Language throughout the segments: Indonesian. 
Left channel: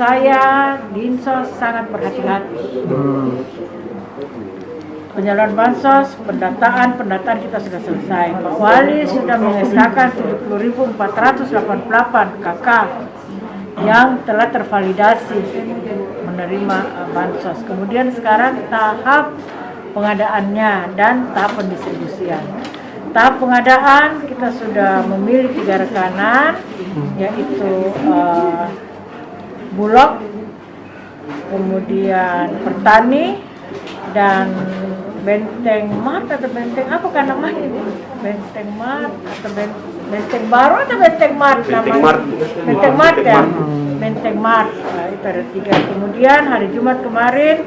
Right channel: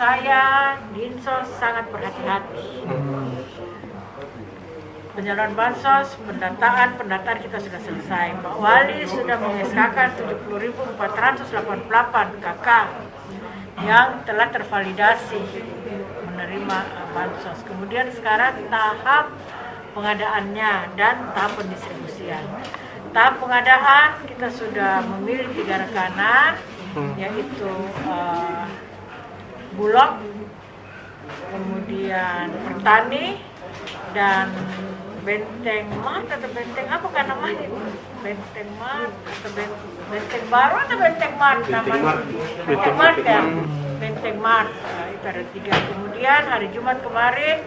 saya Dinsos sangat berhati-hati. Penyaluran bansos, pendataan kita sudah selesai. Pak Wali sudah mengesahkan 70.488 KK yang telah tervalidasi menerima bansos. Kemudian sekarang tahap pengadaannya dan tahap pendistribusian. Tahap pengadaan kita sudah memilih 3 rekanan, yaitu Bulog, kemudian Pertani, dan Benteng Mart atau Benteng apa kan namanya itu? Benteng Mart atau Benteng Baru atau Benteng Mart namanya? Benteng Mart ya, Benteng Mart. Nah, itu ada 3. Kemudian hari Jumat kemarin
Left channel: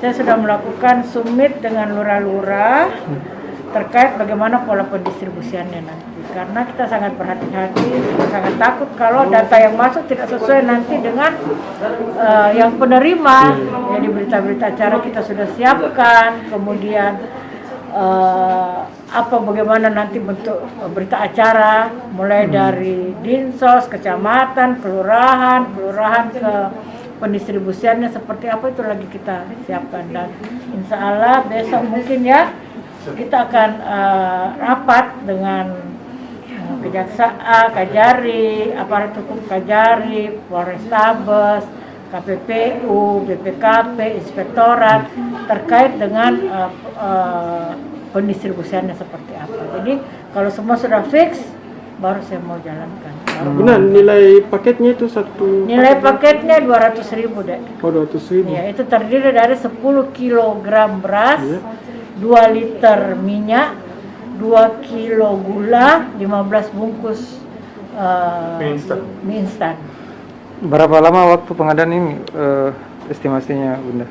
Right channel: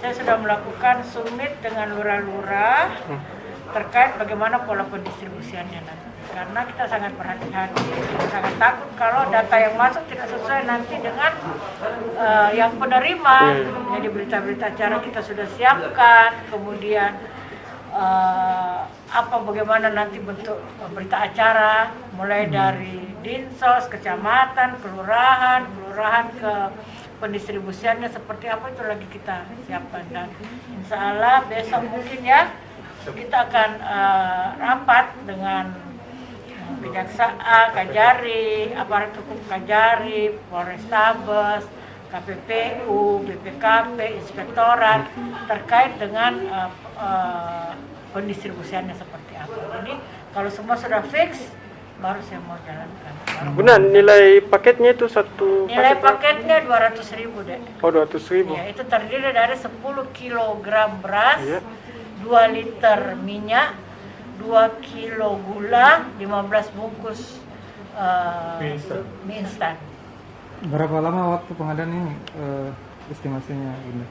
saya sudah melakukan summit dengan lurah-lurah terkait bagaimana pola pendistribusiannya nanti. Karena kita sangat berhati-hati, sangat takut kalau data yang masuk tidak sesuai nanti dengan yang penerima. Jadi berita-berita acara kita sudah siapkan, kemudian bagaimana nanti bentuk berita acara, mulai dari dinsos, kecamatan, kelurahan ke pendistribusiannya seperti apa itu lagi kita siapkan. Dan insya Allah besok mungkin ya kita akan rapat dengan Kejaksaan, Kajari, aparat hukum Kajari, Polrestabes, KPPU, BPKP, Inspektorat terkait dengan pendistribusiannya seperti apa. Jadi kalau semua sudah fix, baru saya mau jalankan. Benar, nilai paketnya itu satu? Nilai paketnya 200.000 dek. Oh, 200.000. Ya, itu terdiri dari 10 kg beras, 2 liter minyak, 2 kilo gula, 15 bungkus mie instan. Berapa lama waktu pengadaan ini estimasinya, Bunda?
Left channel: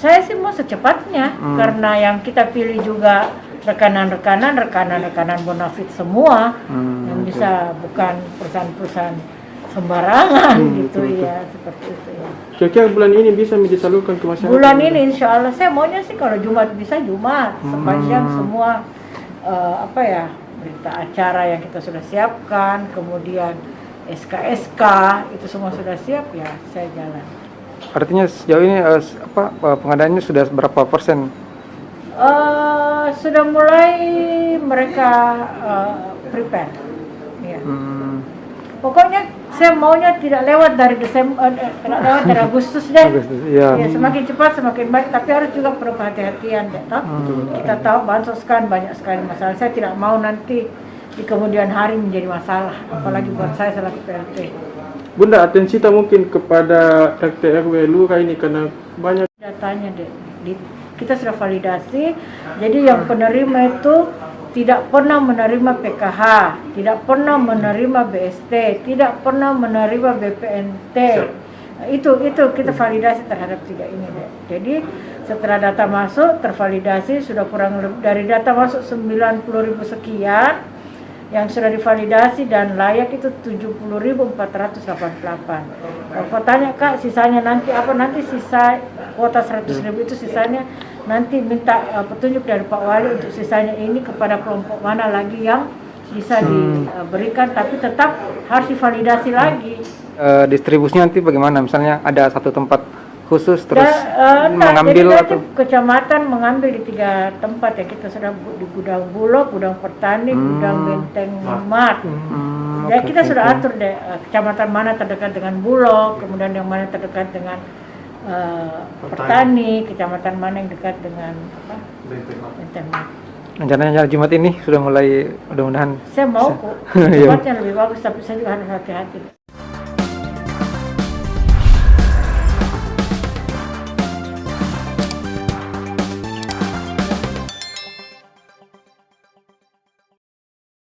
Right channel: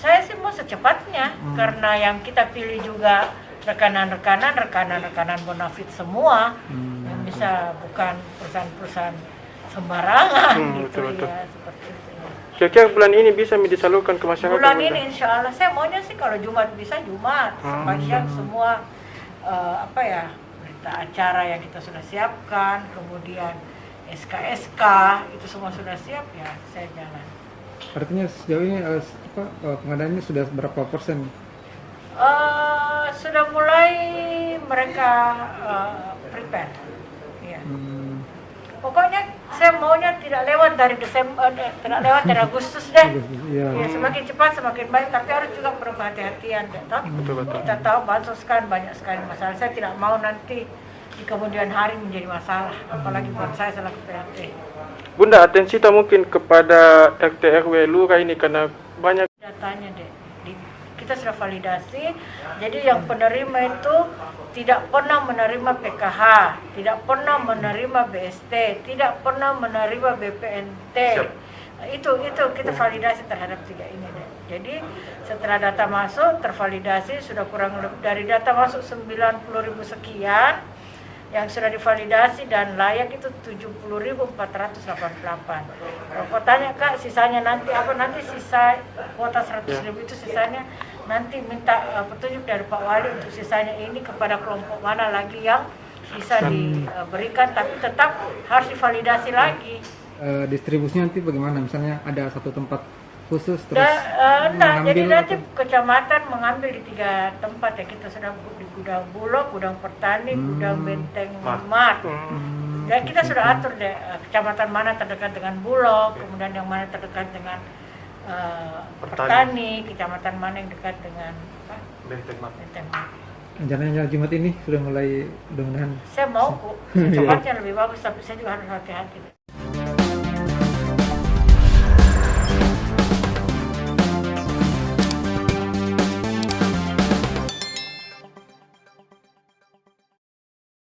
Saya sih mau secepatnya, karena yang kita pilih juga rekanan bonafit semua, yang bisa bukan perusahaan-perusahaan sembarangan gitu betul. Ya, seperti itu ya. Kira-kira bulan ini bisa disalurkan ke masyarakat? Bulan ini insya Allah, saya maunya sih kalau Jumat bisa Jumat, sepanjang semua berita acara yang kita sudah siapkan, kemudian SK itu semua sudah siap ya, saya jalan. Artinya sejauh ini pengadaannya sudah berapa persen? Sudah mulai mereka prepare. Ya. Pokoknya saya maunya tidak lewat dari Agustus deh. Ya, semakin cepat semakin baik, tapi harus juga perlu kehati-hatian deh. Kita tahu bansos kan banyak sekali masalah. Saya tidak mau nanti di kemudian hari menjadi masalah, apalagi buat saya selaku PLT. Bunda, atensi kita mungkin kepada RT RW lurah ini karena banyak datanya deh. Kita sudah validasi, jadi yang penerima itu tidak pernah menerima PKH, tidak pernah menerima BST, tidak pernah menerima BPNT. Nah, itu kita validasi terhadap 3 ini deh. Jadi setelah data masuk tervalidasi sudah kurang lebih dari data masuk 90.000 sekian, yang sudah divalidasi dan layak itu 70.488. Kalau kau tanya Kak, sisanya nanti apa? Nanti sisa kuota 100.000 itu sisanya nanti minta petunjuk dari Pak Wali untuk sisanya ini kepada kelompok mana lagi yang bisa diberikan, tapi tetap harus divalidasi lagi. Distribusinya nanti bagaimana? Misalnya ada satu tempat khusus terus mengambil jadi nanti kecamatan mengambil di 3 tempat ya, kita sudah di gudang Bulog, gudang Pertani, gudang Benteng Mart. Ya kita sudah atur deh kecamatan mana terdekat dengan Bulog, kemudian yang mana terdekat dengan Pertani, kecamatan mana yang dekat dengan Benteng Mart. Rencananya Jumat ini sudah mulai, mudah-mudahan. Saya mau kok, tempatnya lebih bagus, tapi saya juga harus hati-hati deh.